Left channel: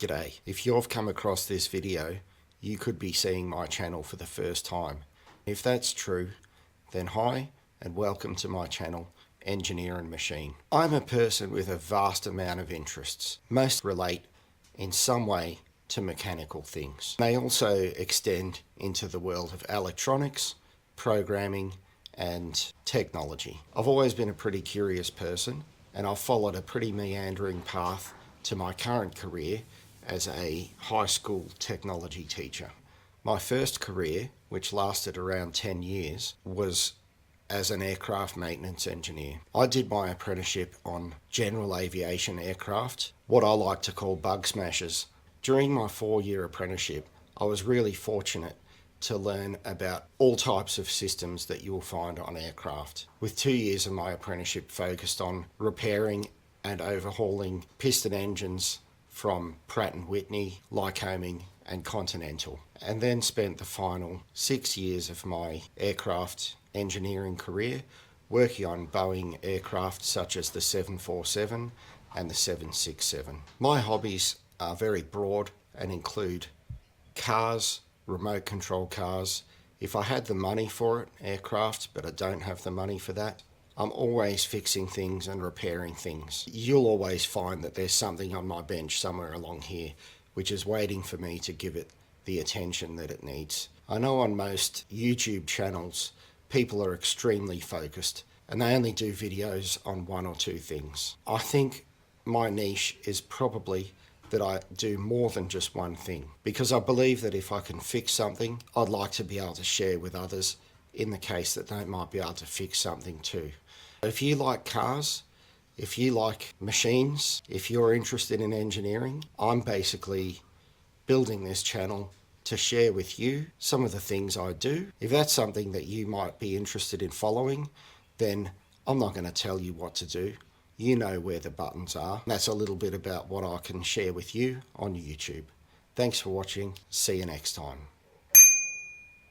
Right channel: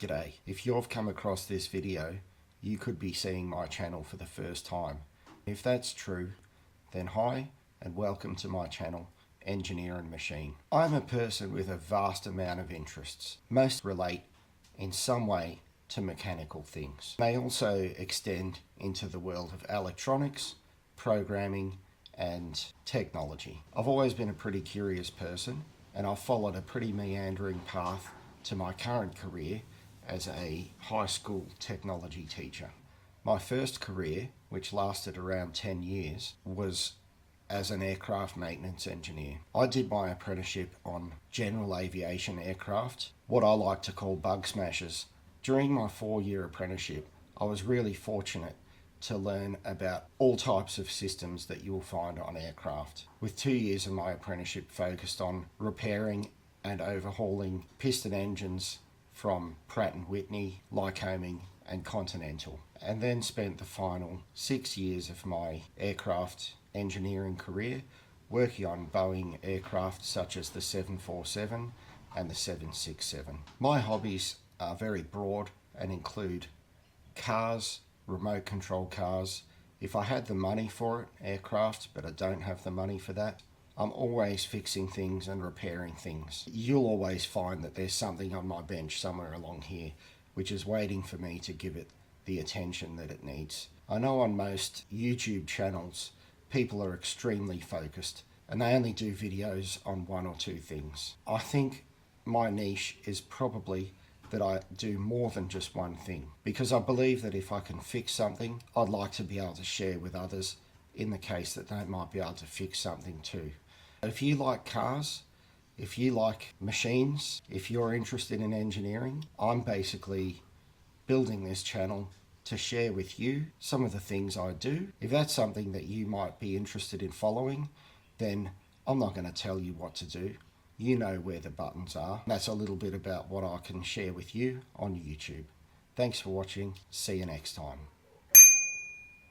G'day. If you've come across this video, you could be seeing my channel for the first time. If that's true, then hi and welcome to my channel, Engineer and Machine. I'm a person with a vast amount of interests. Most relate in some way to mechanical things. They also extend into the world of electronics, programming, and technology. I've always been a pretty curious person, and I've followed a pretty meandering path to my current career as a high school technology teacher. My first career, which lasted around 10 years, was as an aircraft maintenance engineer. I did my apprenticeship on general aviation aircraft, what I like to call bug smashers. During my 4-year apprenticeship, I was really fortunate to learn about all types of systems that you will find on aircraft, with 2 years of my apprenticeship focused on repairing and overhauling piston engines from Pratt & Whitney, Lycoming and Continental, and then spent the final 6 years of my aircraft engineering career working on Boeing aircraft such as the 747 and the 767. My hobbies are very broad and include cars, remote control cars. If I had the money for it, aircraft, but I don't have the money for that. I'm always fixing things and repairing things. You'll always find that there's something on my bench somewhere along here which is waiting for me to give it the attention that it needs. I know on most YouTube channels people are extremely focused and they only do videos on one or two things. I think my niche is probably that I do more than just one thing, because I believe that if I can fix something, I'd like to be able to share with others in the case that they might be able to fix something too. If you like cars, if you like machines, if you're interested in engineering, I'm basically building this channel to share with you some of the things I do. If that's something that you might be interested in following, then I'm not going to tell you what to do. You know where the buttons are. That's a little bit about what I can share with you on YouTube. Thanks for watching. See you next time.